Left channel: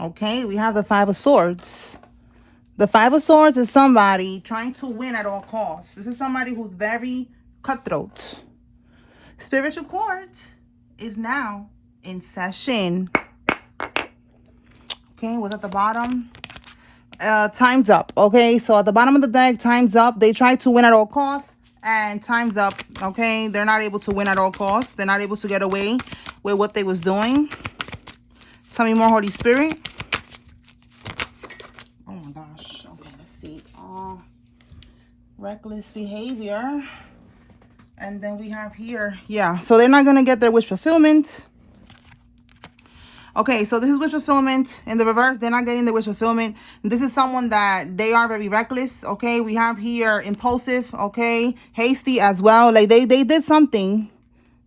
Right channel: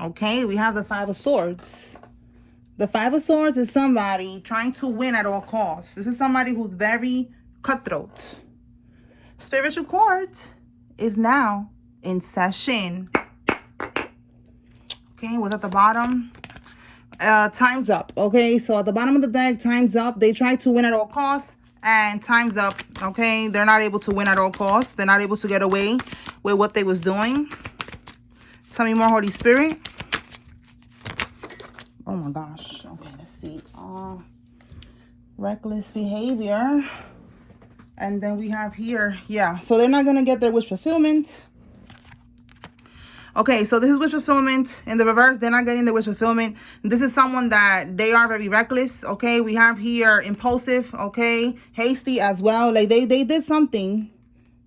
Okay, we have the Five of Swords. The Five of Swords is somebody trying to win at all costs. This is somebody who's very cutthroat. Spiritual court is now in session. Okay, what's at the bottom? Time's up. Okay, so at the bottom of the deck, time's up. They try to win at all costs, and time's up. Okay, they're not able to win at all costs. They're not able to get away with what they was doing. Tell me more, Holy Spirit. Oh my gosh. Okay, let's see. Reckless behavior. And then we have here, yeah, so they're not going to get their wish fulfillment. Okay, so this is wish fulfillment. In the reverse, they're not getting the wish fulfillment. This is someone that they are very reckless, okay? We have here impulsive, okay? Hasty as well. Like they did something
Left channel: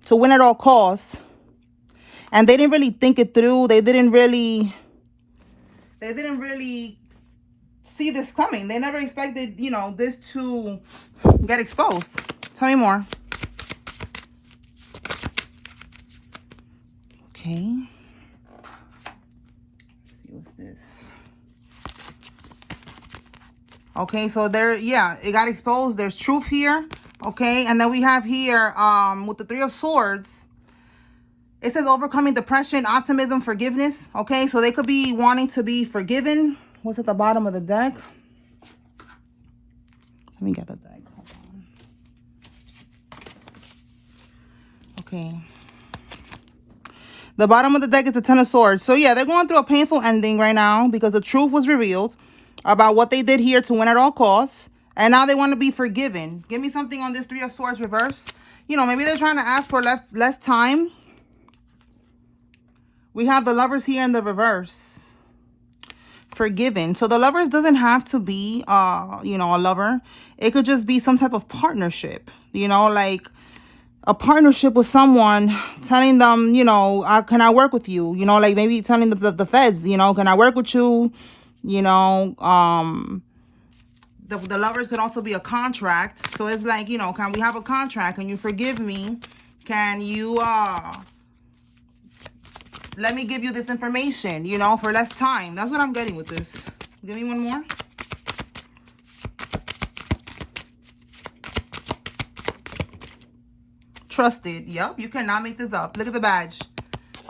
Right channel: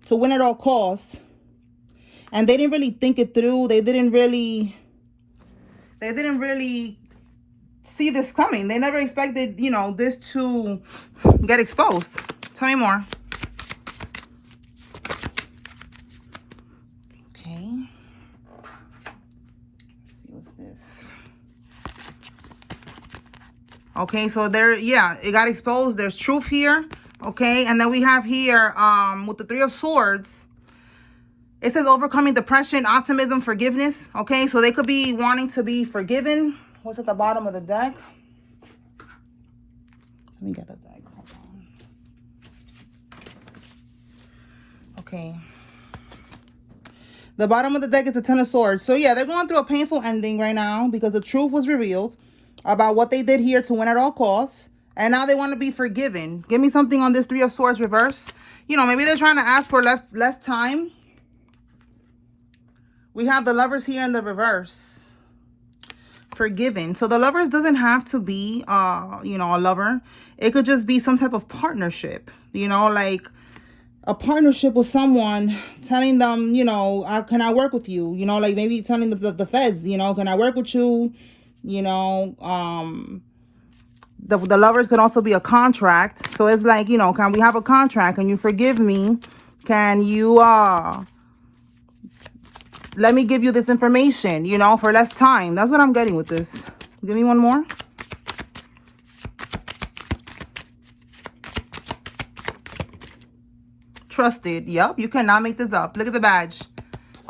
to win at all costs. And they didn't really think it through. They didn't really see this coming. They never expected, you know, this to get exposed. Tell me more. Okay. Let's see what's this. Okay, so there, yeah, it got exposed. There's truth here. Okay, and then we have here with the Three of Swords. It says overcoming depression, optimism, forgiveness. Okay, so they could be wanting to be forgiven. What's at the bottom of the deck? Let me get the deck. Hold on. Okay. The bottom of the deck is the Ten of Swords. So yeah, they're going through a painful ending right now because the truth was revealed about what they did here to win at all costs. And now they want to be forgiven. Give me something on this Three of Swords reverse. You know, maybe they're trying to ask for less time. We have the Lovers here in the reverse. Forgiven. So the Lovers doesn't have to be, you know, a lover. It could just be some type of partnership. You know, like a partnership with someone, telling them, you know, can I work with you? You know, like maybe telling the feds, you know, can I work with you? You know, the Lovers can also be a contract. So it's like, you know, can we have a contract? Can you forgive me? Can you let me give you this information, you know, for less time? That's what I'm getting with this. Give me one more. Trusted. Yep, you cannot make this up. Look at the badge.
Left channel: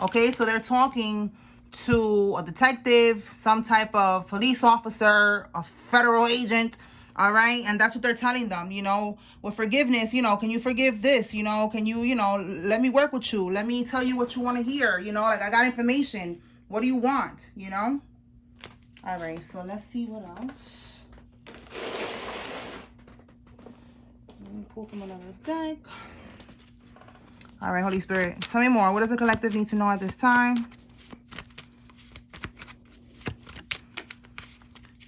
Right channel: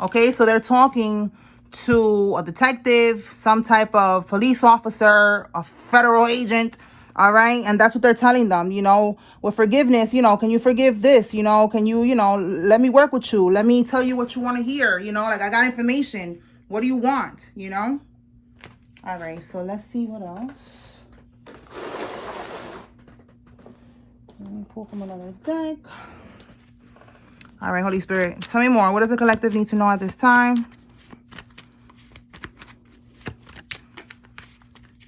Okay, so they're talking to a detective, some type of police officer, a federal agent. All right, and that's what they're telling them, you know, with forgiveness, you know, can you forgive this? You know, can you, you know, let me work with you. Let me tell you what you want to hear. You know, like I got information. What do you want? You know? All right, so let's see what else. Let me pull from another deck. All right, Holy Spirit, tell me more. What does the collective need to know at this time?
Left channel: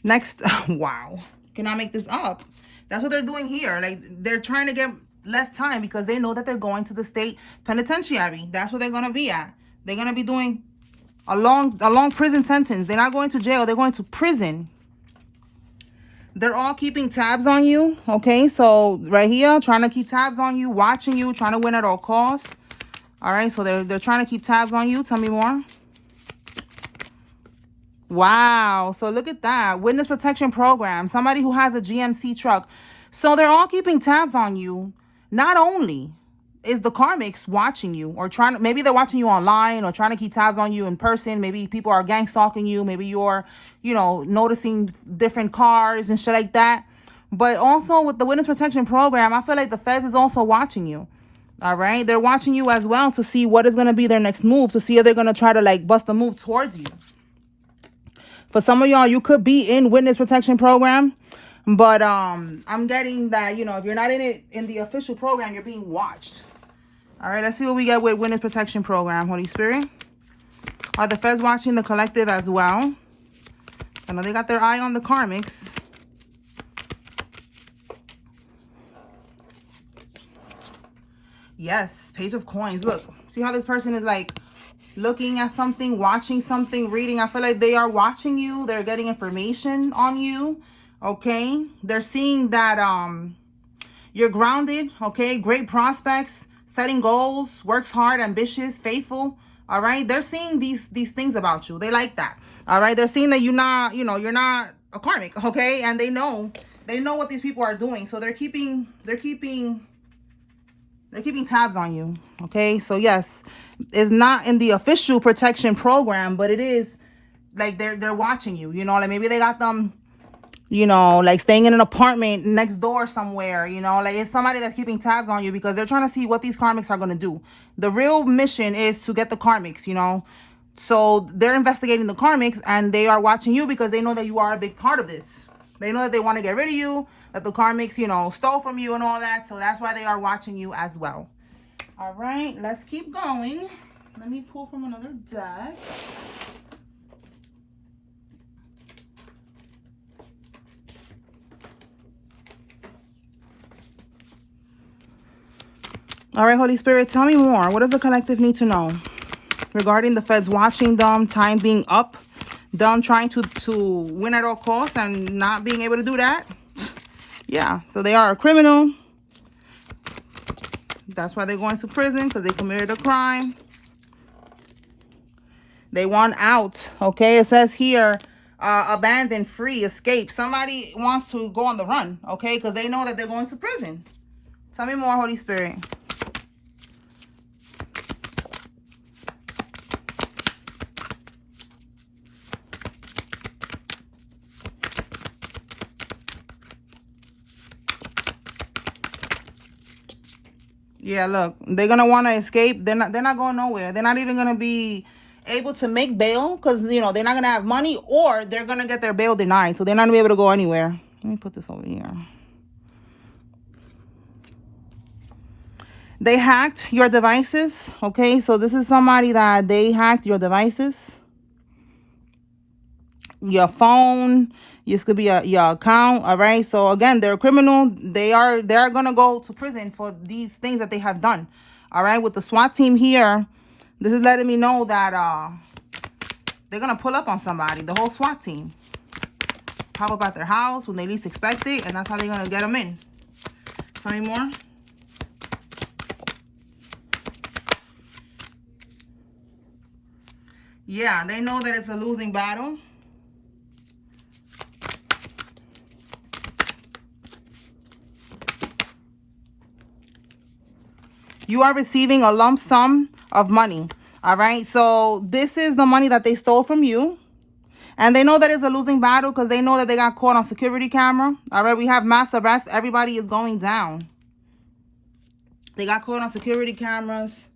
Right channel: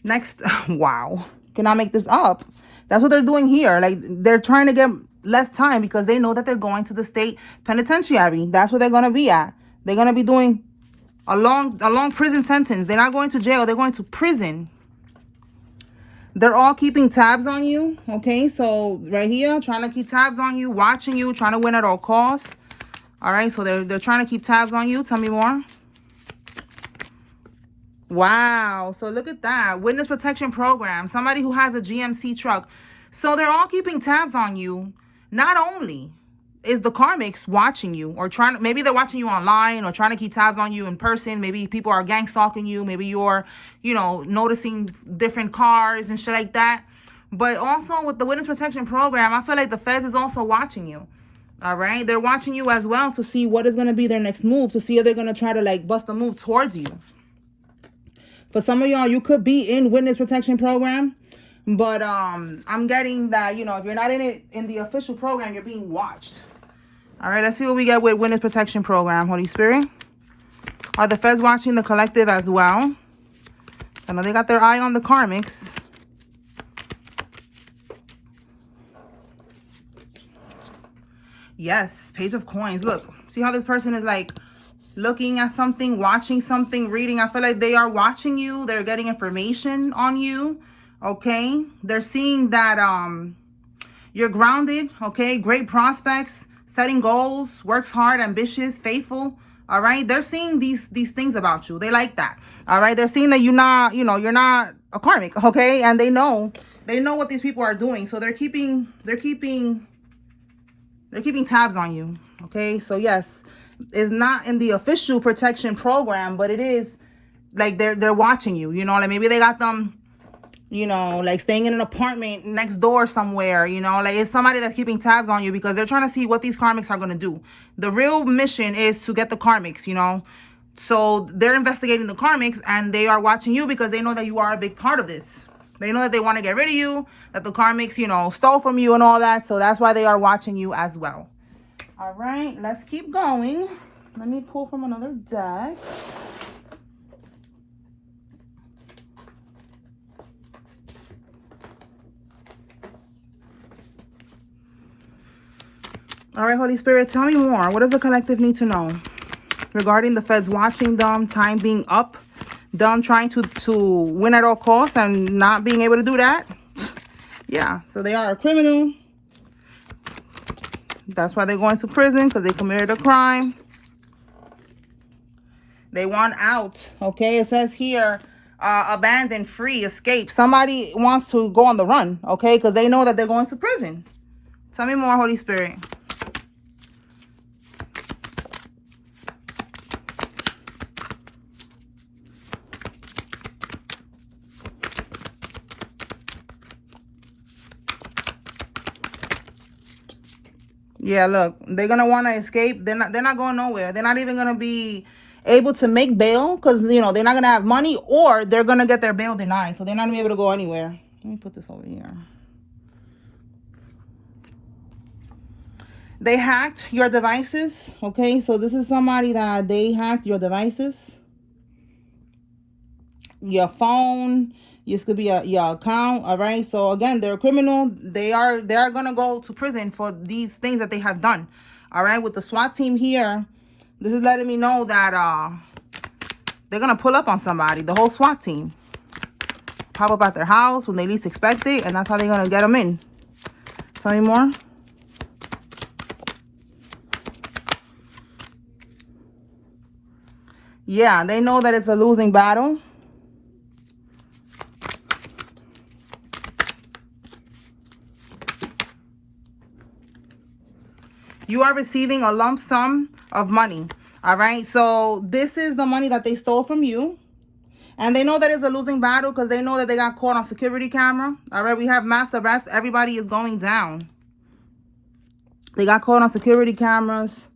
Next, wow. Cannot make this up. That's what they're doing here. Like, they're trying to get less time because they know that they're going to the state penitentiary. That's where they're going to be at. They're going to be doing a long prison sentence. They're not going to jail. They're going to prison. They're all keeping tabs on you, okay? So right here, trying to keep tabs on you, watching you, trying to win at all costs. All right, so they're trying to keep tabs on you. Tell me more. Wow, so look at that. Witness protection program. Somebody who has a GMC truck. So they're all keeping tabs on you. Not only is the karmics watching you or trying to, maybe they're watching you online or trying to keep tabs on you in person. Maybe people are gang stalking you. Maybe you're, you know, noticing different cars and shit like that. But also with the witness protection program, I feel like the feds is also watching you. All right. They're watching you as well to see what is going to be their next move, to see if they're going to try to like bust a move towards you. For some of y'all, you could be in witness protection program. But I'm getting that, you know, if you're not in it in the official program, you're being watched. All right, let's see what we get with witness protection program, Holy Spirit. Are the feds watching the collective as well? I know they got their eye on the karmics. Yes, Page of Coins. Look, see how this person is like looking at something, watching something, reading. I feel like they are watching you. They're getting information on you. Okay, they're seeing that you're grounded. Okay, great prospects, setting goals, works hard, ambitious, faithful. All right, they're seeing these things about you. They like that. All right, they're seeing that you're not, you're not a karmic. Okay, and they know what these people are doing, so they're keeping tabs on you. Okay, so yes, it's not in the official protection program, but it is like they're watching you. Like maybe they got them, like staying in an apartment next door somewhere. Like it's somebody that's keeping tabs on you because they're trying to see what these karmics are going to do. The real mission is to get the karmics. So they're investigating the karmics, and they are watching you because they know that you are a big part of this. They know that they want to get rid of you, that the karmics, stole from you and all that. So that's why they are watching you as well. All right, let's keep going. Let me pull from another deck. All right, Holy Spirit, tell me more. What does the collective need to know regarding the feds watching them, time being up, them trying to win at all costs and not being able to do that? Yeah, so they are a criminal. That's why they're going to prison, because they committed a crime. They want out. Okay, it says here, abandon, free, escape. Somebody wants to go on the run, okay, because they know that they're going to prison. Tell me more, Holy Spirit. Yeah, look, they're gonna want to escape. They're not going nowhere. They're not even gonna be able to make bail because they're not gonna have money, or they're gonna get their bail denied, so they're not gonna be able to go anywhere. Let me put this over here. They hacked your devices. Okay, so this is somebody that they hacked your devices, your phone. This could be your account. All right, so again, they're a criminal. They're gonna go to prison for these things that they have done. All right, with the SWAT team here, this is letting me know that they're gonna pull up on somebody. The whole SWAT team pop up at their house when they least expect it, and that's how they're gonna get them in. Tell me more. Yeah, they know that it's a losing battle. You are receiving a lump sum of money. All right, so this is the money that they stole from you, and they know that it's a losing battle because they know that they got caught on security camera. All right, we have mass arrest. Everybody is going down. They got caught on security cameras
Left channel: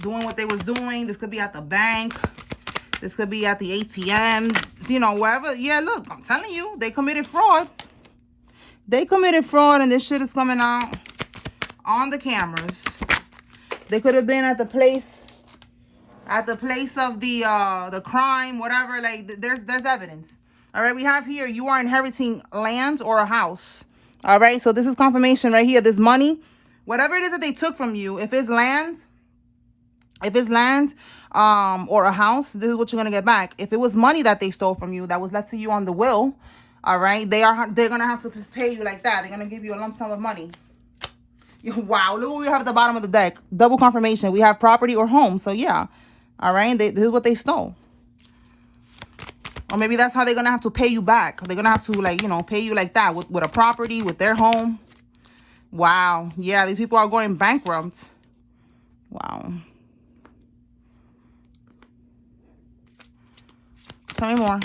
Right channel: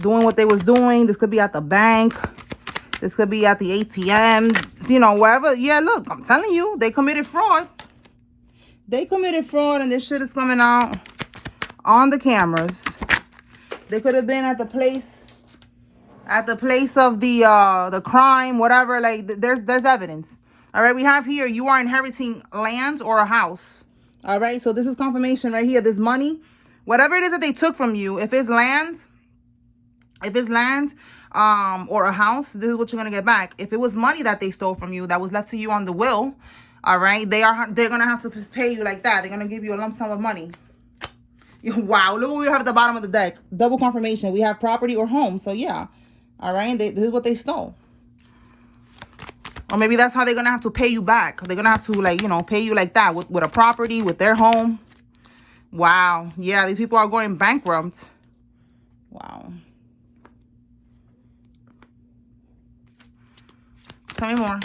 doing what they was doing. This could be at the bank. This could be at the ATM, wherever. Yeah, look, I'm telling you, they committed fraud. They committed fraud, and this shit is coming out on the cameras. They could have been at the place of the crime, whatever. Like, there's evidence. All right, we have here, you are inheriting lands or a house. All right, so this is confirmation right here. This money, whatever it is that they took from you, if it's land, or a house, this is what you're gonna get back. If it was money that they stole from you that was left to you on the will, all right, they're gonna have to pay you like that. They're gonna give you a lump sum of money. Wow, look what we have at the bottom of the deck. Double confirmation. We have property or home. So yeah, all right, this is what they stole. Or maybe that's how they're gonna have to pay you back. They're gonna have to pay you like that with a property, with their home. Wow, yeah, these people are going bankrupt. Wow. Tell me more.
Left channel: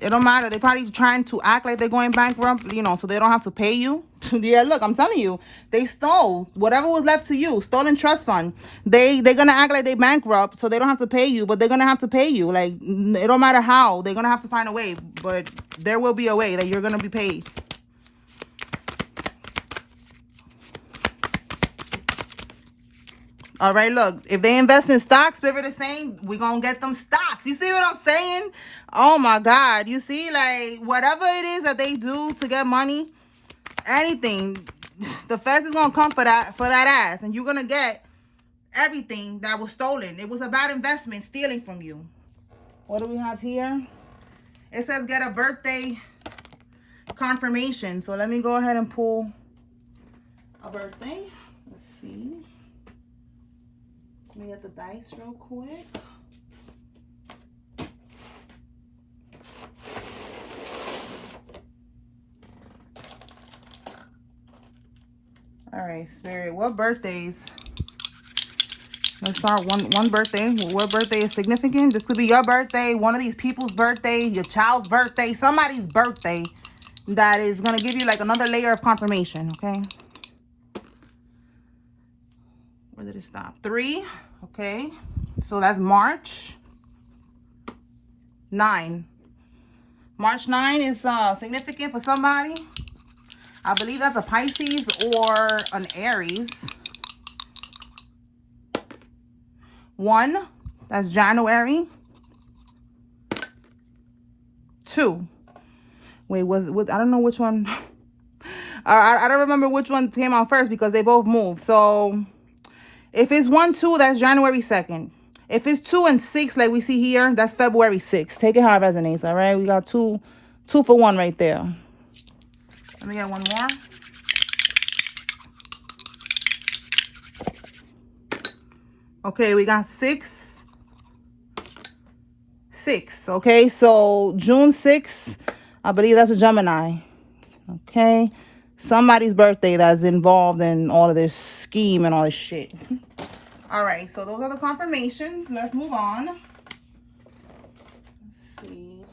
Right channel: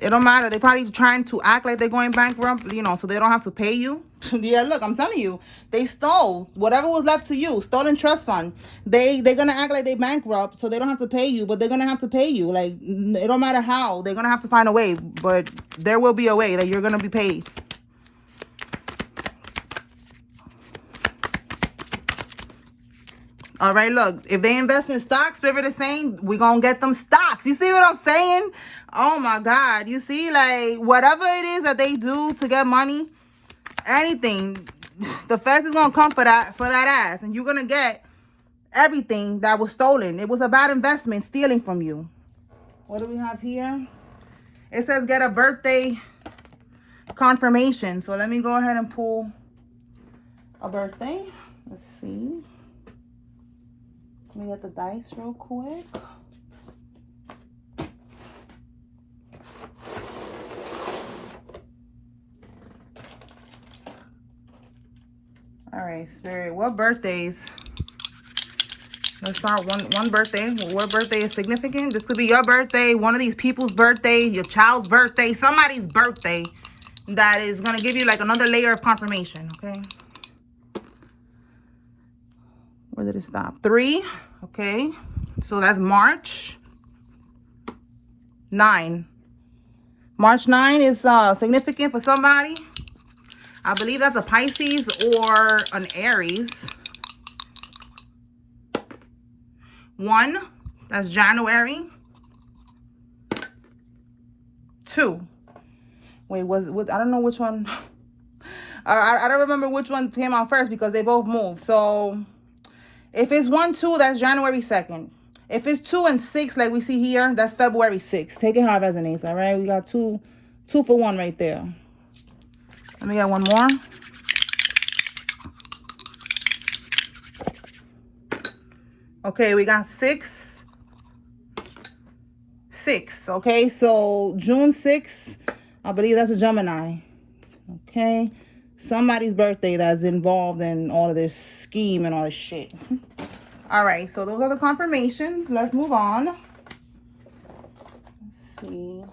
It don't matter. They're probably trying to act like they're going bankrupt, so they don't have to pay you. Yeah, look, I'm telling you, they stole whatever was left to you, stolen trust fund. They're gonna act like they bankrupt, so they don't have to pay you, but they're gonna have to pay you. Like, it don't matter how. They're gonna have to find a way, but there will be a way that you're gonna be paid. All right, look, if they invest in stocks, Spirit is saying, we're going to get them stocks. You see what I'm saying? Oh, my God. You see, like, whatever it is that they do to get money, anything, the feds is going to come for that ass. And you're going to get everything that was stolen. It was a bad investment, stealing from you. What do we have here? It says get a birthday confirmation. So let me go ahead and pull a birthday. Let's see. Let me get the dice real quick. All right, Spirit. What birthdays? Let's start one birthday. What birthday is significant? This could be your birthday, one of these people's birthday, your child's birthday, somebody's birthday that is going to give you like another layer of confirmation, okay? Where did it stop? 3, okay? So that's March 9. March 9 is significant for somebody. I believe that's a Pisces or an Aries. 1, that's January. 2. Wait, I don't know which one. I don't remember which one came out first because they both moved. So if it's 1, 2, that's January 2nd. If it's 2 and 6, like we see here, that's February 6th. Take it how it resonates, all right? We got two for 1 right there. Let me get one more. Okay, we got 6. Okay, so June 6th, I believe that's a Gemini. Okay, somebody's birthday that's involved in all of this scheme and all this shit. All right, so those are the confirmations. Let's move on. Let's see.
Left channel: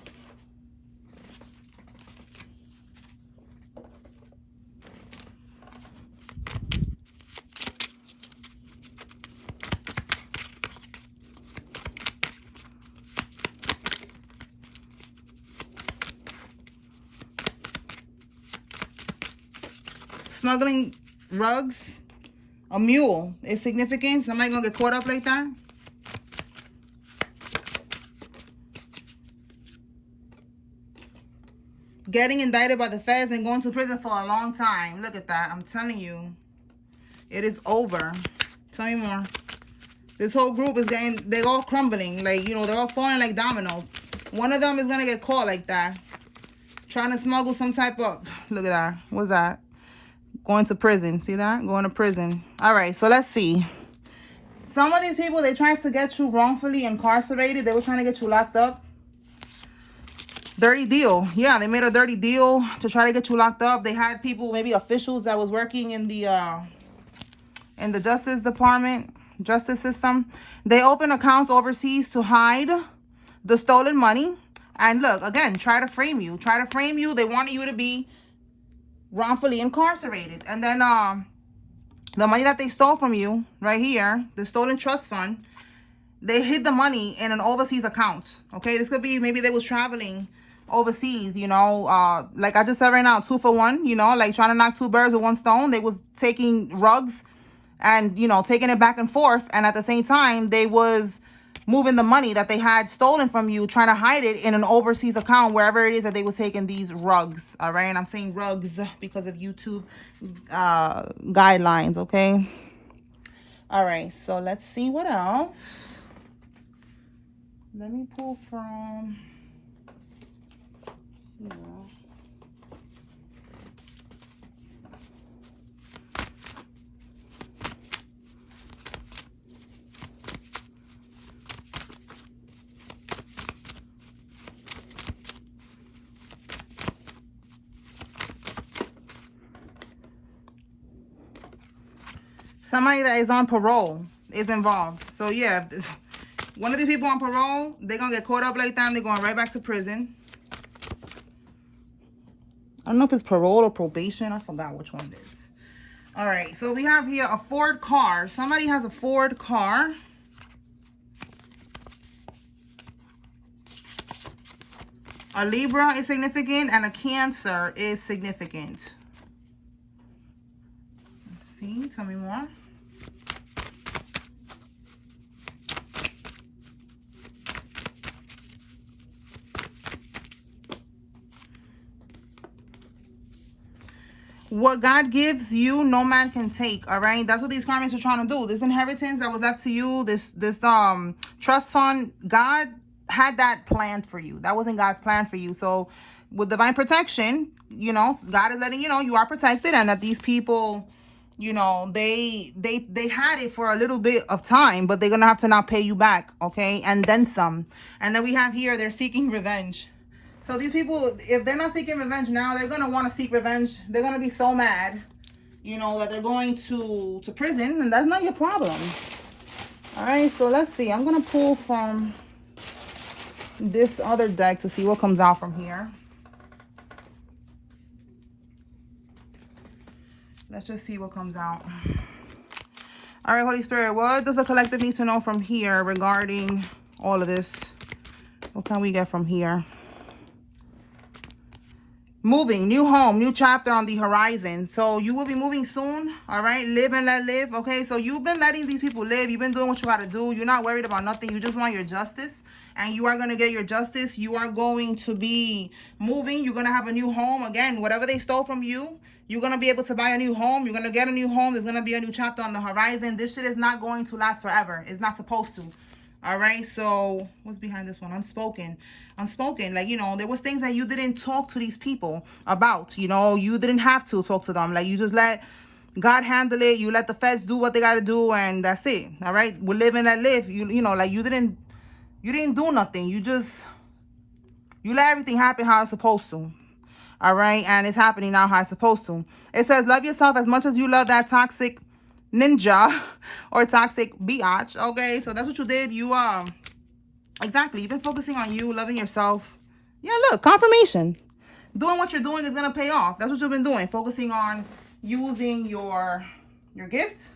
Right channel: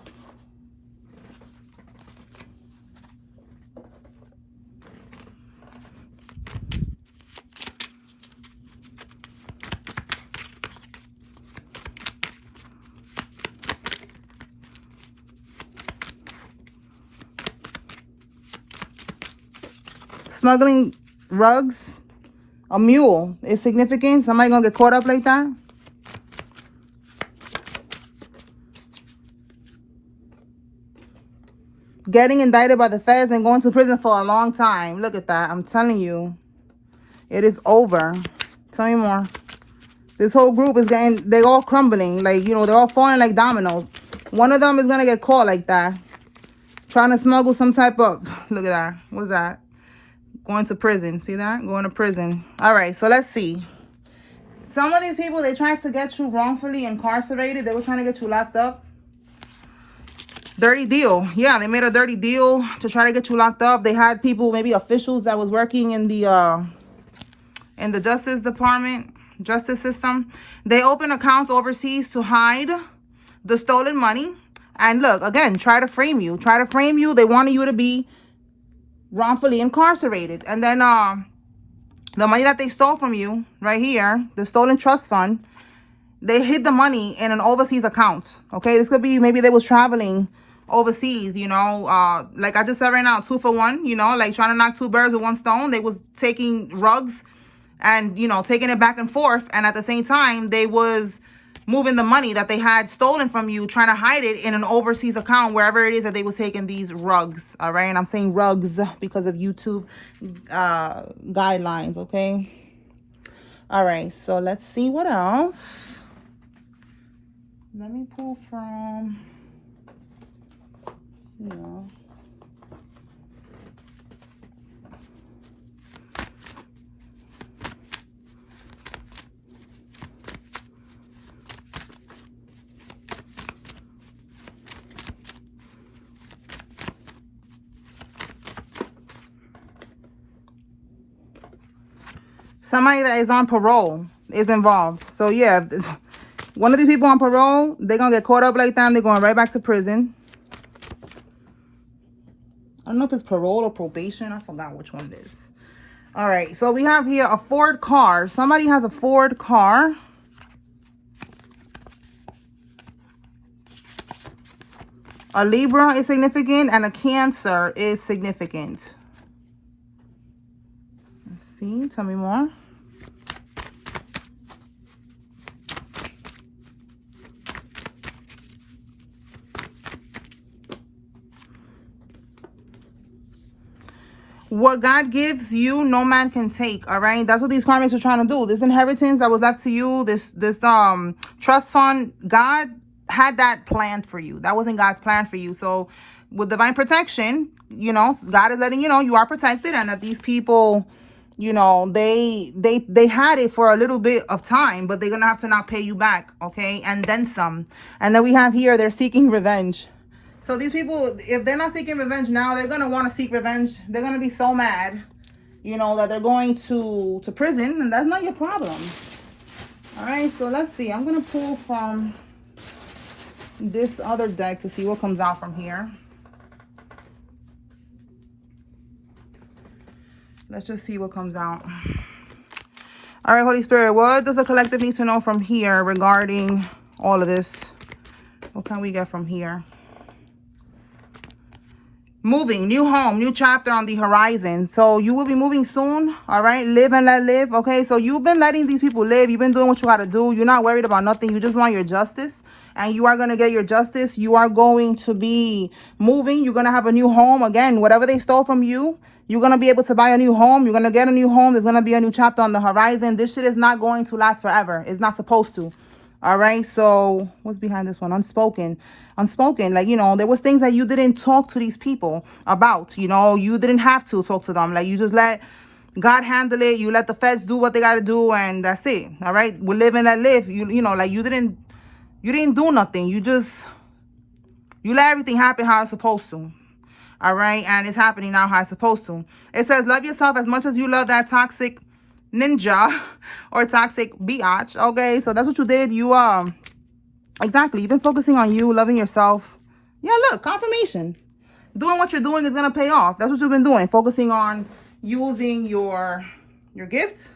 Smuggling rugs, a mule is significant. Somebody gonna get caught up like that. Getting indicted by the feds and going to prison for a long time. Look at that. I'm telling you, it is over. Tell me more. This whole group is they're all crumbling. Like, you know, they're all falling like dominoes. One of them is gonna get caught like that, trying to smuggle some type of, look at that. What's that? Going to prison. See that? Going to prison. All right, so let's see. Some of these people, they tried to get you wrongfully incarcerated. They were trying to get you locked up. Dirty deal. Yeah, they made a dirty deal to try to get you locked up. They had people, maybe officials that was working in the Justice Department, justice system. They opened accounts overseas to hide the stolen money. And look, again, try to frame you. Try to frame you. They wanted you to be wrongfully incarcerated. And then the money that they stole from you right here, the stolen trust fund, they hid the money in an overseas account. Okay, this could be maybe they was traveling overseas, you know, like I just said right now, 2 for 1, you know, like trying to knock 2 birds with 1 stone. They was taking rugs and, you know, taking it back and forth, and at the same time they was moving the money that they had stolen from you, trying to hide it in an overseas account, wherever it is that they was taking these rugs. All right, and I'm saying rugs because of YouTube guidelines. Okay, all right, so let's see what else. Let me pull from, you know, somebody that is on parole is involved. So yeah, one of these people on parole, they're gonna get caught up like that and they're going right back to prison. I don't know if it's parole or probation. I forgot which one it is. All right, so we have here a Ford car. Somebody has a Ford car. A Libra is significant and a Cancer is significant. Let's see, tell me more. What God gives you, no man can take. All right, that's what these karmics are trying to do. This inheritance that was left to you, this trust fund, God had that planned for you. That wasn't God's plan for you. So with divine protection, you know, God is letting you know you are protected, and that these people you know, they had it for a little bit of time, but they're gonna have to now pay you back, okay, and then some. And then we have here, they're seeking revenge. So these people, if they're not seeking revenge now, they're gonna want to seek revenge. They're gonna be so mad, you know, that they're going to prison, and that's not your problem. All right, so let's see. I'm gonna pull from this other deck to see what comes out from here. Let's just see what comes out. All right, Holy Spirit, what does the collective need to know from here regarding all of this? What can we get from here? Moving, new home, new chapter on the horizon. So you will be moving soon, all right? Live and let live, okay? So you've been letting these people live. You've been doing what you got to do. You're not worried about nothing. You just want your justice, and you are going to get your justice. You are going to be moving. You're going to have a new home. Again, whatever they stole from you, you're going to be able to buy a new home. You're going to get a new home. There's going to be a new chapter on the horizon. This shit is not going to last forever. It's not supposed to. All right, so what's behind this one? Unspoken. Like, you know, there was things that you didn't talk to these people about. You know, you didn't have to talk to them. Like, you just let God handle it. You let the feds do what they got to do, and that's it. All right, we live and let live. You know, like, you didn't do nothing. You let everything happen how it's supposed to. All right, and it's happening now how it's supposed to. It says, love yourself as much as you love that toxic ninja or toxic biatch. Okay, so that's what you did. You exactly, you've been focusing on you, loving yourself. Yeah, look, confirmation. Doing what you're doing is gonna pay off. That's what you've been doing, focusing on using your gift.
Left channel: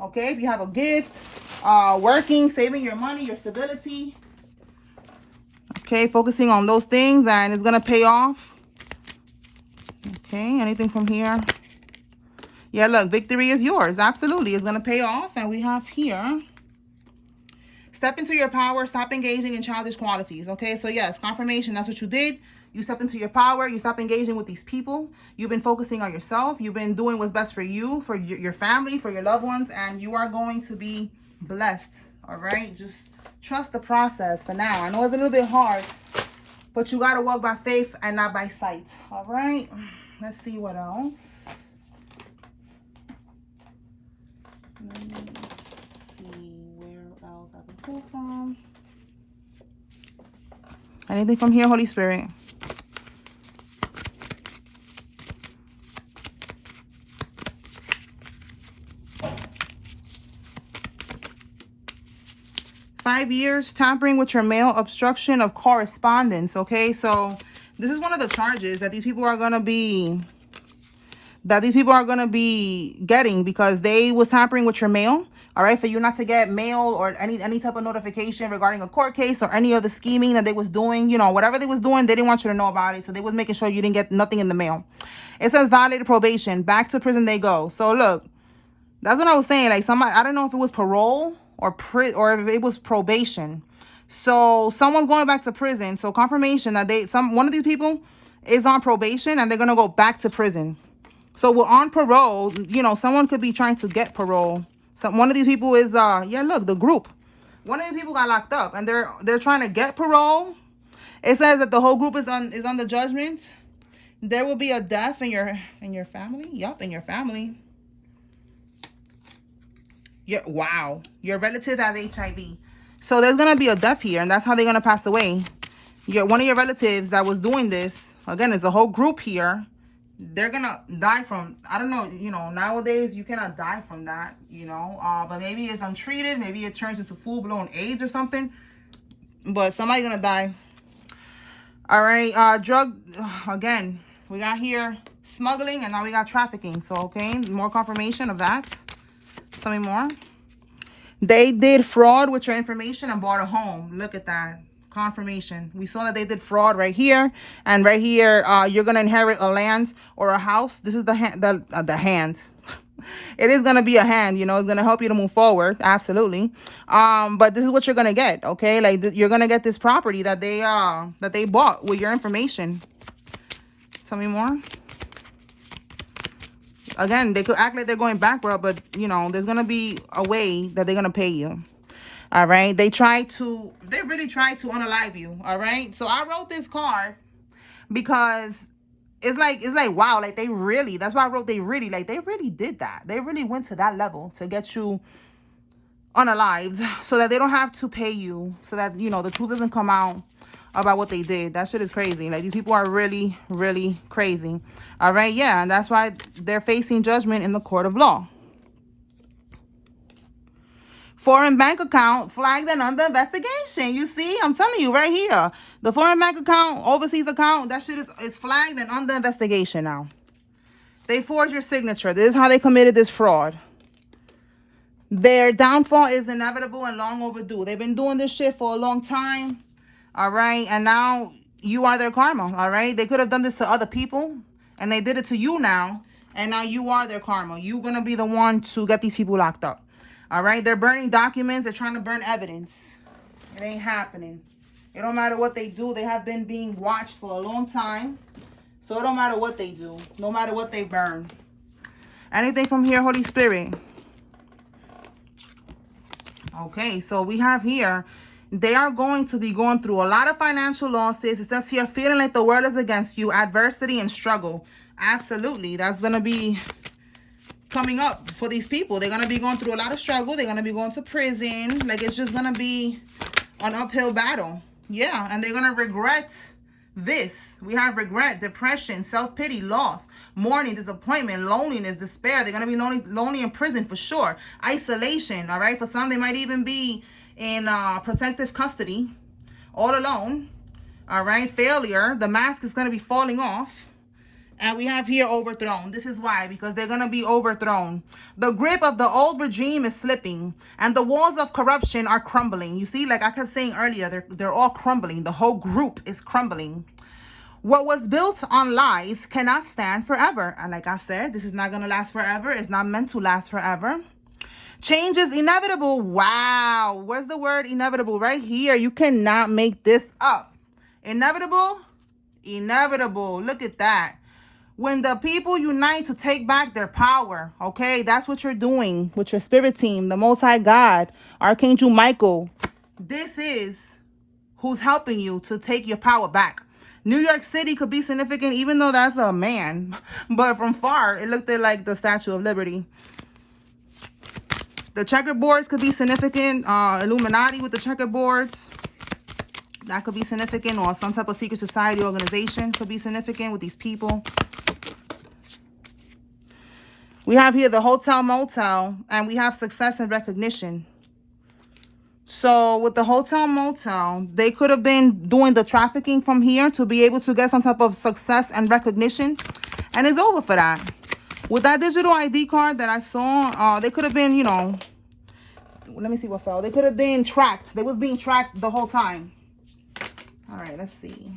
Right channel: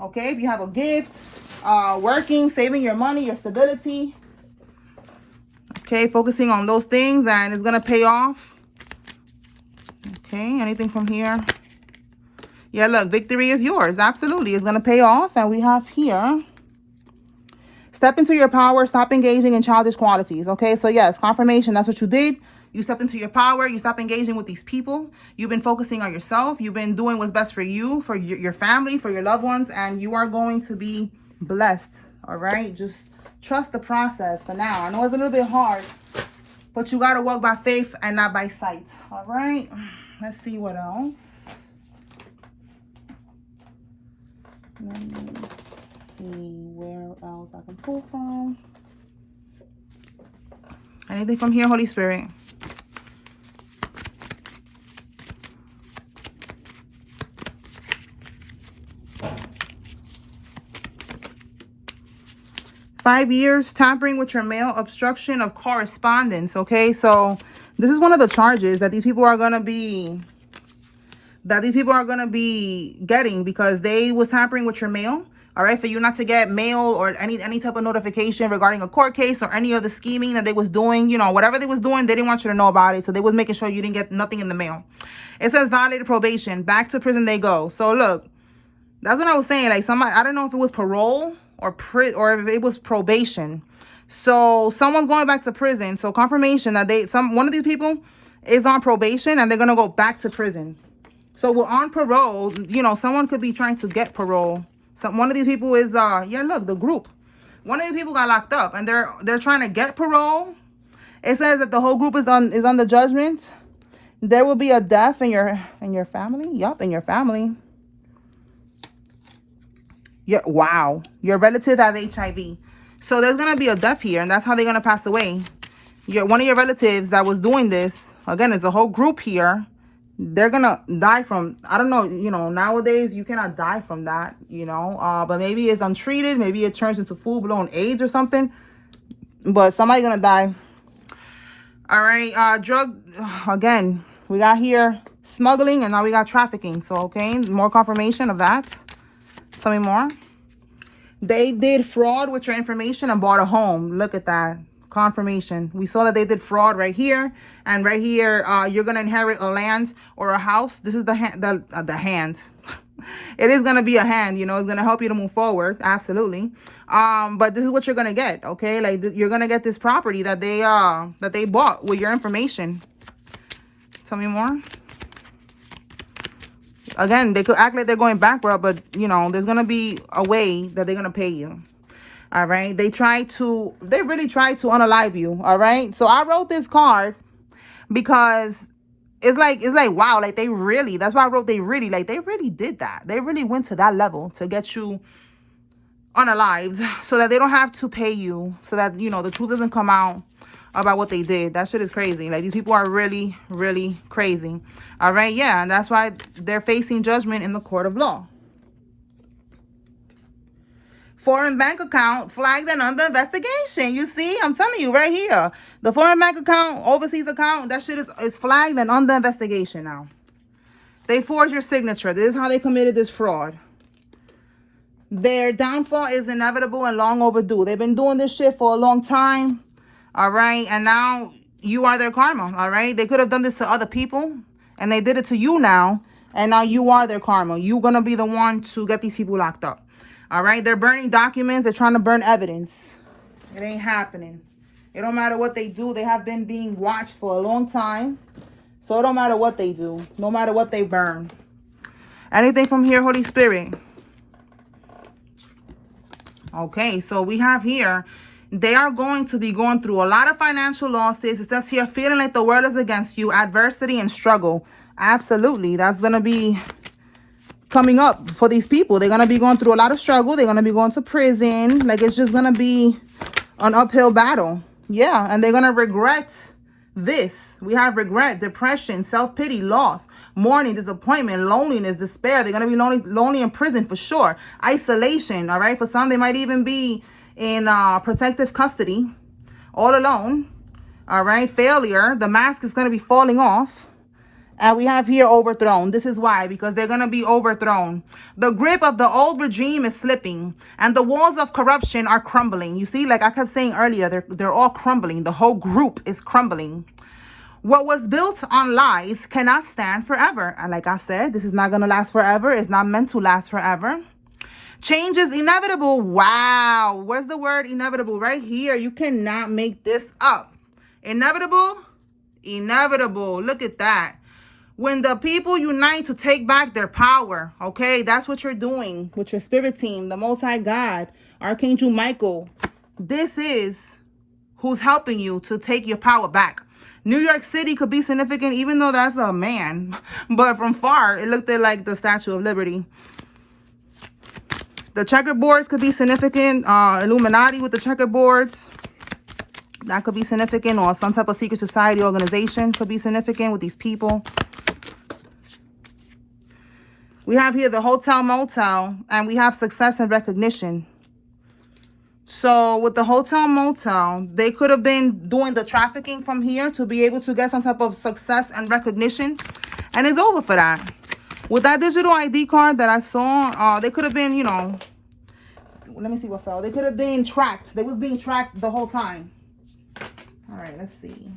Okay, if you have a gift, working, saving your money, your stability. Okay, focusing on those things, and it's gonna pay off. Okay, anything from here? Yeah, look, victory is yours. Absolutely. It's going to pay off. And we have here, step into your power. Stop engaging in childish qualities. Okay, so yes, confirmation. That's what you did. You step into your power. You stop engaging with these people. You've been focusing on yourself. You've been doing what's best for you, for your family, for your loved ones. And you are going to be blessed. All right, just trust the process for now. I know it's a little bit hard, but you got to walk by faith and not by sight. All right, let's see what else. Let me see where else I can pull from. Anything from here, Holy Spirit? Five years, tampering with your mail, obstruction of correspondence. Okay, so this is one of the charges that these people are going to be getting, because they was tampering with your mail. All right, for you not to get mail or any type of notification regarding a court case or any of the scheming that they was doing, you know, whatever they was doing, they didn't want you to know about it. So they was making sure you didn't get nothing in the mail. It says violated probation, back to prison they go. So look, that's what I was saying. Like, somebody, I don't know if it was parole or if it was probation. So someone's going back to prison. So confirmation that one of these people is on probation and they're gonna go back to prison. So we're on parole. You know, someone could be trying to get parole. So one of these people is yeah, look, the group. One of these people got locked up and they're trying to get parole. It says that the whole group is on the judgment. There will be a death in your family. Yup, in your family. Yeah, wow. Your relative has HIV. So there's gonna be a death here, and that's how they're gonna pass away. One of your relatives that was doing this, again, there's a whole group here. They're gonna die from, I don't know, you know, nowadays you cannot die from that, you know, but maybe it's untreated, maybe it turns into full-blown AIDS or something, but somebody's gonna die. All right, drug, again, we got here smuggling, and now we got trafficking. So okay, more confirmation of that. Tell me more. They did fraud with your information and bought a home. Look at that. Confirmation. We saw that they did fraud right here, and right here you're gonna inherit a land or a house. This is the hand. It is gonna be a hand, you know. It's gonna help you to move forward, absolutely. But this is what you're gonna get, okay? Like, you're gonna get this property that they bought with your information. Tell me more. Again, they could act like they're going bankrupt, but you know, there's gonna be a way that they're gonna pay you. All right, they really tried to unalive you. All right, so I wrote this card because it's like wow, like they really, that's why I wrote they really, like they really did that. They really went to that level to get you unalived so that they don't have to pay you, so that the truth doesn't come out about what they did. That shit is crazy. Like, these people are really, really crazy. All right, yeah, and that's why they're facing judgment in the court of law. Foreign bank account flagged and under investigation. You see, I'm telling you right here. The foreign bank account, overseas account, that shit is flagged and under investigation now. They forged your signature. This is how they committed this fraud. Their downfall is inevitable and long overdue. They've been doing this shit for a long time. All right. And now you are their karma. All right. They could have done this to other people and they did it to you now. And now you are their karma. You're going to be the one to get these people locked up. All right. They're burning documents. They're trying to burn evidence. It ain't happening. It don't matter what they do. They have been being watched for a long time. So it don't matter what they do. No matter what they burn. Anything from here, Holy Spirit? Okay, so we have here, they are going to be going through a lot of financial losses. It says here, feeling like the world is against you, adversity and struggle. Absolutely, that's going to be coming up for these people. They're going to be going through a lot of struggle. They're going to be going to prison. Like, it's just going to be an uphill battle. Yeah, and they're going to regret this. We have regret, depression, self-pity, loss, mourning, disappointment, loneliness, despair. They're going to be lonely in prison for sure. Isolation, all right? For some, they might even be in protective custody, all alone, all right? Failure, the mask is going to be falling off. And we have here overthrown. This is why, because they're going to be overthrown. The grip of the old regime is slipping and the walls of corruption are crumbling. You see, like I kept saying earlier, they're all crumbling. The whole group is crumbling. What was built on lies cannot stand forever. And like I said, this is not going to last forever. It's not meant to last forever. Change is inevitable. Wow. Where's the word inevitable? Right here. You cannot make this up. Inevitable. Inevitable. Look at that. When the people unite to take back their power, okay, that's what you're doing with your spirit team, the Most High God, Archangel Michael. This is who's helping you to take your power back. New York City could be significant, even though that's a man. But from far, it looked like the Statue of Liberty. The checkerboards could be significant. Illuminati with the checkerboards. That could be significant. Or some type of secret society organization could be significant with these people. We have here the hotel motel, and we have success and recognition. So with the hotel motel, they could have been doing the trafficking from here to be able to get some type of success and recognition. And it's over for that. With that digital ID card that I saw, they could have been, let me see what fell. They could have been tracked. They was being tracked the whole time. All right, let's see.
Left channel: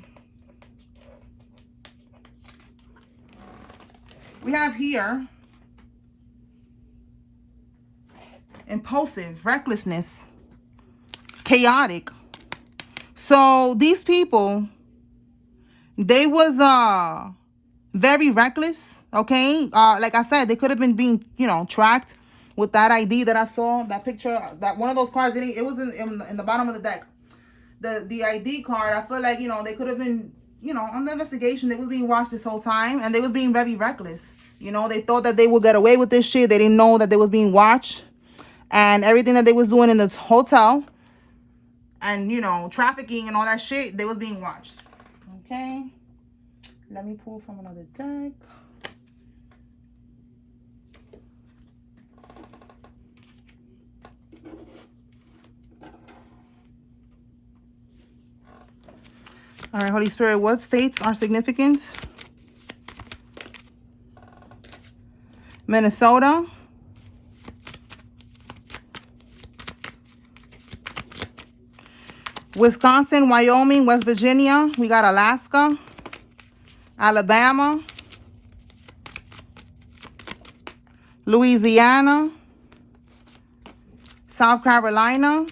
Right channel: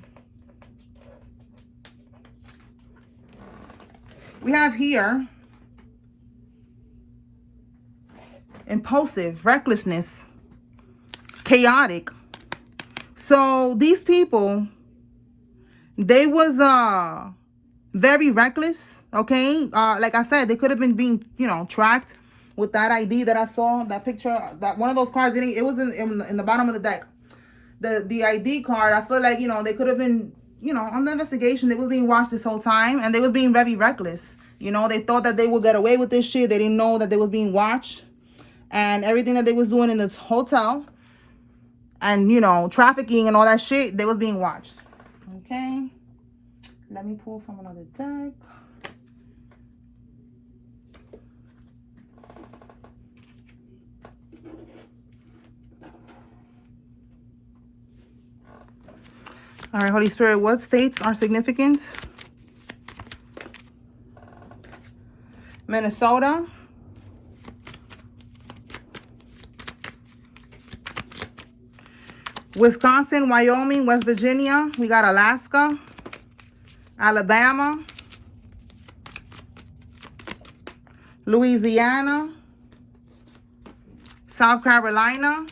We have here impulsive, recklessness, chaotic. So these people, they was very reckless. Okay, like I said, they could have been being tracked with that ID that I saw, that picture, that one of those cards. It was in the bottom of the deck. The ID card. I feel like they could have been on the investigation. They was being watched this whole time, and they was being very reckless. They thought that they would get away with this shit. They didn't know that they was being watched. And everything that they was doing in this hotel and, trafficking and all that shit, they was being watched. Okay. Let me pull from another deck. All right, Holy Spirit, what states are significant? Minnesota. Wisconsin, Wyoming, West Virginia. We got Alaska, Alabama, Louisiana, South Carolina,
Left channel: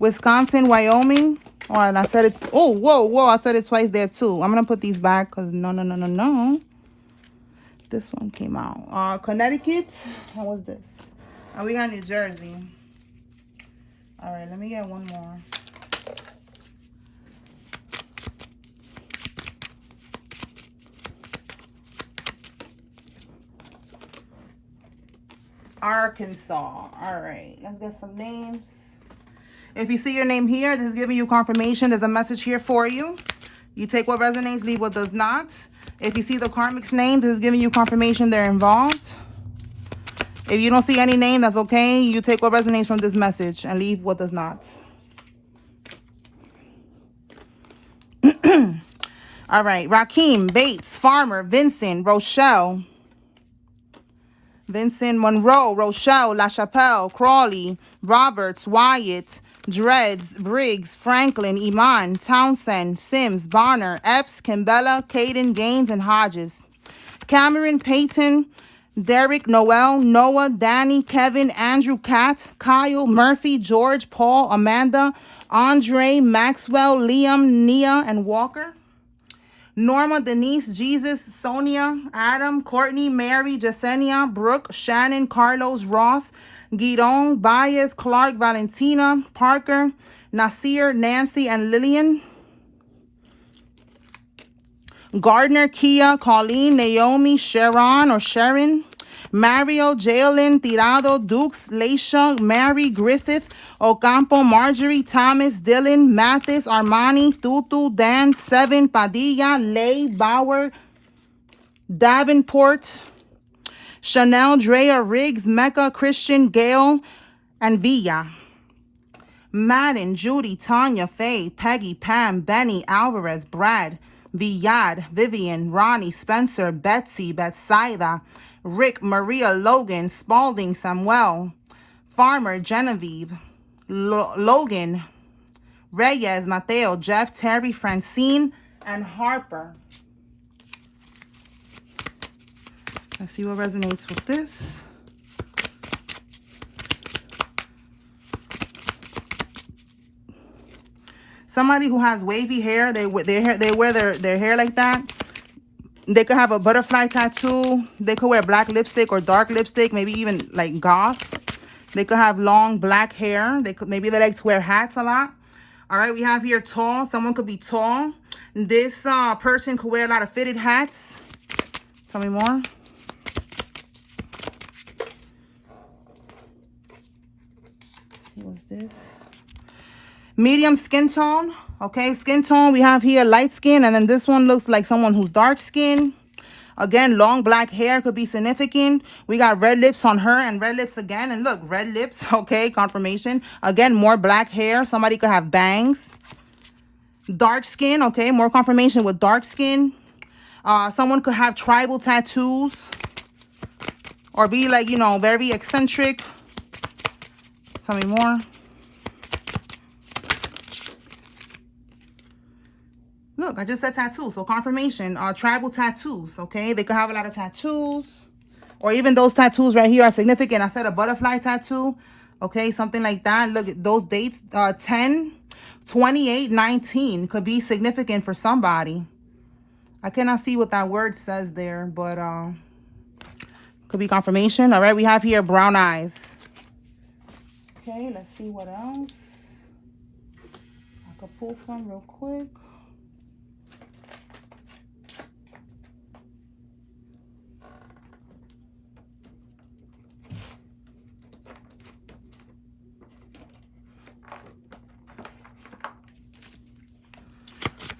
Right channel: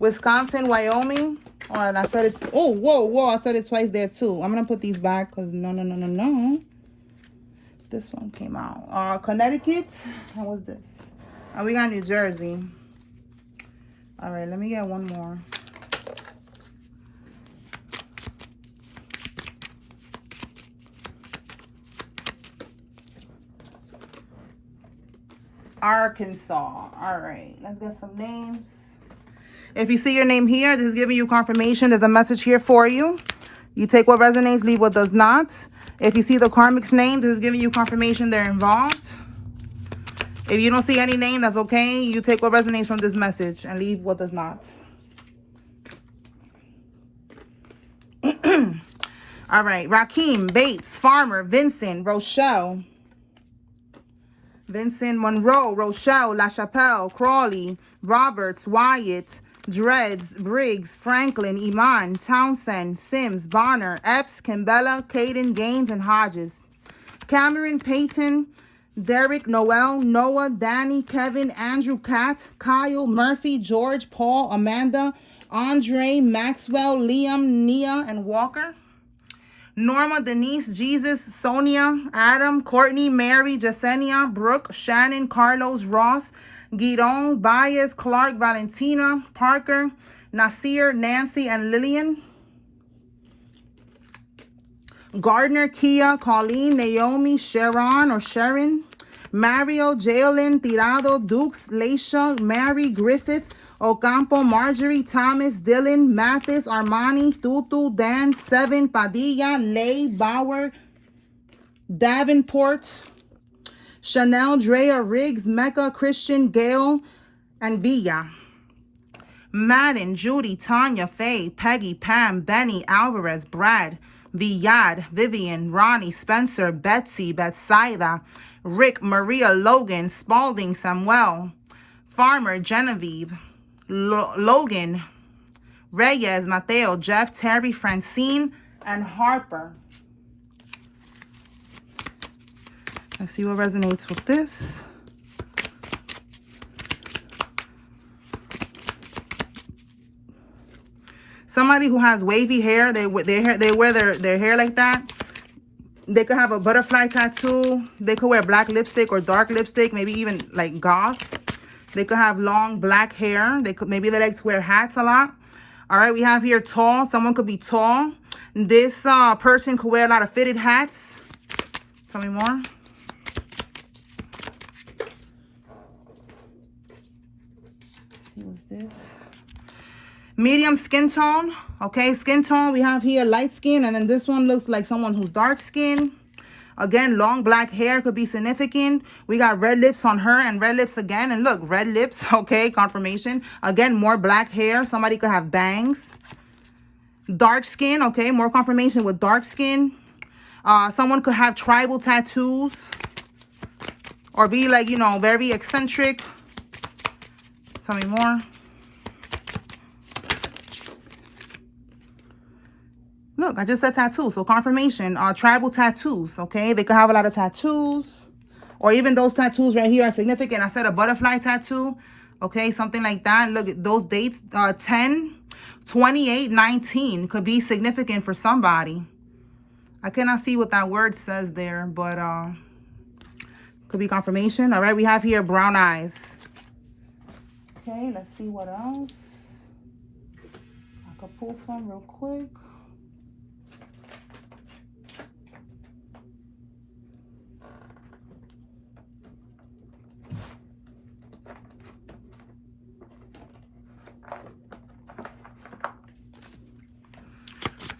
Wisconsin, Wyoming. All right, I said it. Oh, whoa. I said it twice there too. I'm going to put these back because no. This one came out. Connecticut. And what's this? We got New Jersey. All right, let me get one more. Arkansas. All right, let's get some names. If you see your name here, this is giving you confirmation. There's a message here for you. You take what resonates, leave what does not. If you see the karmic's name, this is giving you confirmation they're involved. If you don't see any name, that's okay. You take what resonates from this message and leave what does not. All right. Rakeem, Bates, Farmer, Vincent, Rochelle. Vincent, Monroe, Rochelle, LaChapelle, Crawley, Roberts, Wyatt, Dreads, Briggs, Franklin, Iman, Townsend, Sims, Bonner, Epps, Kimbella, Caden, Gaines, and Hodges. Cameron, Peyton, Derek, Noel, Noah, Danny, Kevin, Andrew, Kat, Kyle, Murphy, George, Paul, Amanda, Andre, Maxwell, Liam, Nia, and Walker. Norma, Denise, Jesus, Sonia, Adam, Courtney, Mary, Jasenia, Brooke, Shannon, Carlos, Ross, Guidon, Baez, Clark, Valentina, Parker, Nasir, Nancy, and Lillian. Gardner, Kia, Colleen, Naomi, Sharon or Sharon, Mario, Jalen, Tirado, Dukes, Leisha, Mary, Griffith, Ocampo, Marjorie, Thomas, Dylan, Mathis, Armani, Tutu, Dan, Seven, Padilla, Lay, Bauer, Davenport, Chanel, Drea, Riggs, Mecca, Christian, Gail, and Villa. Madden, Judy, Tanya, Faye, Peggy, Pam, Benny, Alvarez, Brad, Villad, Vivian, Ronnie, Spencer, Betsy, Betsaida, Rick, Maria, Logan, Spalding, Samuel, Farmer, Genevieve, Logan, Reyes, Mateo, Jeff, Terry, Francine, and Harper. Let's see what resonates with this. Somebody who has wavy hair, they wear their hair like that. They could have a butterfly tattoo. They could wear black lipstick or dark lipstick, maybe even like goth. They could have long black hair. Maybe they like to wear hats a lot. All right, we have here tall. Someone could be tall. This person could wear a lot of fitted hats. Tell me more. Let's see what's this. Medium skin tone. Okay, skin tone. We have here light skin, and then this one looks like someone who's dark skin. Again, long black hair could be significant. We got red lips on her and red lips again. And look, red lips. Okay, confirmation. Again, more black hair. Somebody could have bangs. Dark skin. Okay, more confirmation with dark skin. Someone could have tribal tattoos. Or be like, you know, very eccentric. Tell me more. Look, I just said tattoos, so confirmation. Tribal tattoos, okay? They could have a lot of tattoos. Or even those tattoos right here are significant. I said a butterfly tattoo, okay? Something like that. Look at those dates. 10, 28, 19 could be significant for somebody. I cannot see what that word says there, but could be confirmation. All right, we have here brown eyes. Okay, let's see what else I could pull from real quick.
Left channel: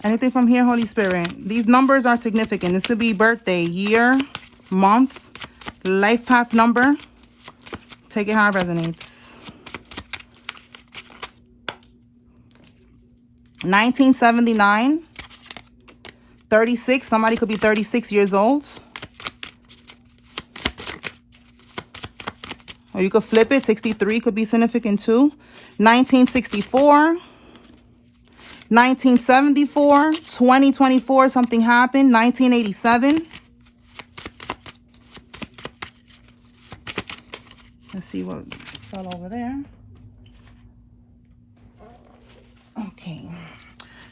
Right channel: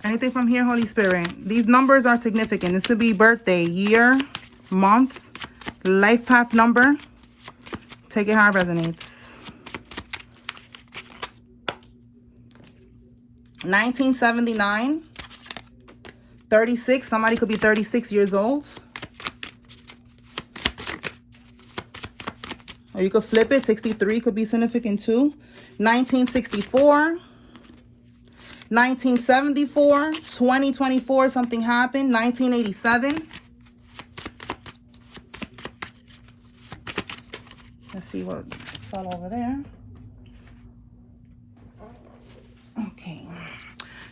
Anything from here, Holy Spirit? These numbers are significant. This could be birthday, year, month, life path number. Take it how it resonates. 1979. 36. Somebody could be 36 years old. Or you could flip it. 63 could be significant too. 1964. 1974, 2024, something happened. 1987. Let's see what fell over there. Okay.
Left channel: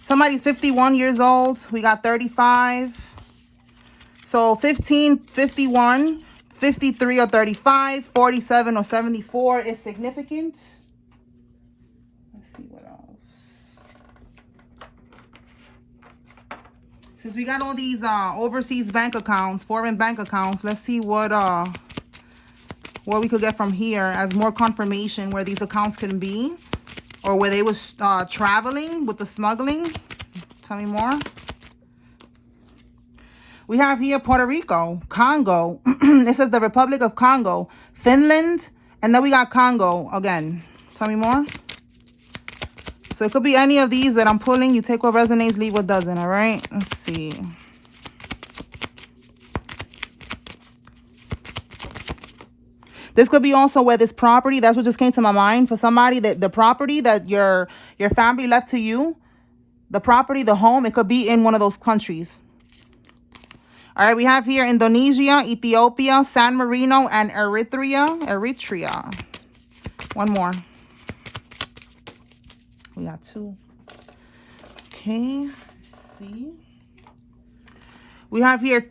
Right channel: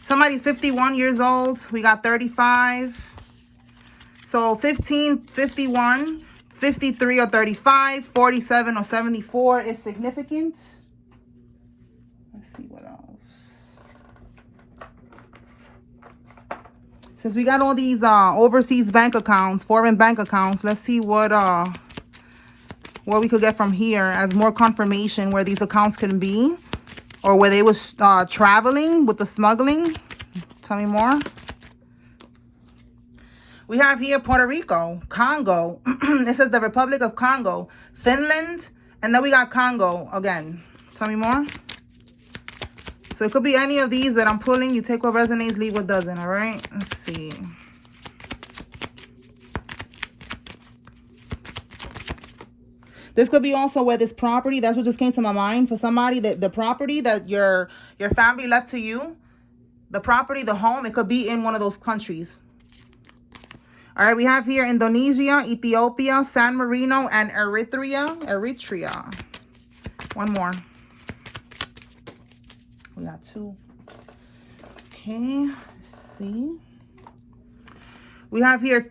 Somebody's 51 years old. We got 35. So 15, 51, 53 or 35, 47 or 74 is significant. Since we got all these overseas bank accounts, foreign bank accounts, let's see what we could get from here as more confirmation where these accounts can be, or where they was traveling with the smuggling. Tell me more. We have here Puerto Rico, Congo. It says the Republic of Congo, Finland, and then we got Congo again. Tell me more. So it could be any of these that I'm pulling. You take what resonates, leave what doesn't, all right? Let's see. This could be also where this property, that's what just came to my mind. For somebody, that the property that your family left to you, the property, the home, it could be in one of those countries. All right, we have here Indonesia, Ethiopia, San Marino, and Eritrea. One more. We got two. Okay, let's see. We have here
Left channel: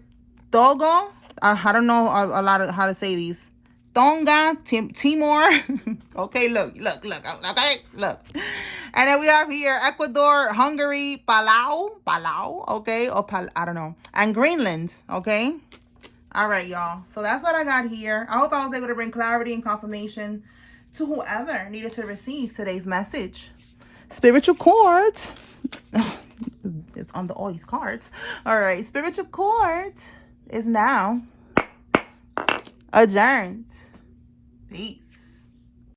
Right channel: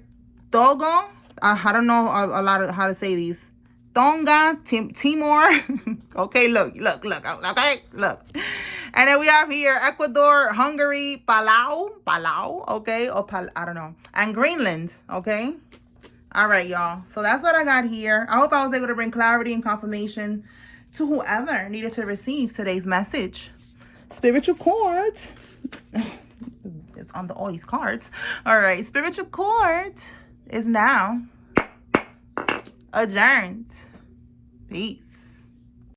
Togo. I don't know a lot of how to say these. Tonga, Timor. Okay, look. Okay, look. And then we have here Ecuador, Hungary, Palau, okay, or I don't know, and Greenland, okay. All right, y'all. So that's what I got here. I hope I was able to bring clarity and confirmation to whoever needed to receive today's message. Spiritual court is on all these cards. All right, spiritual court is now adjourned. Peace.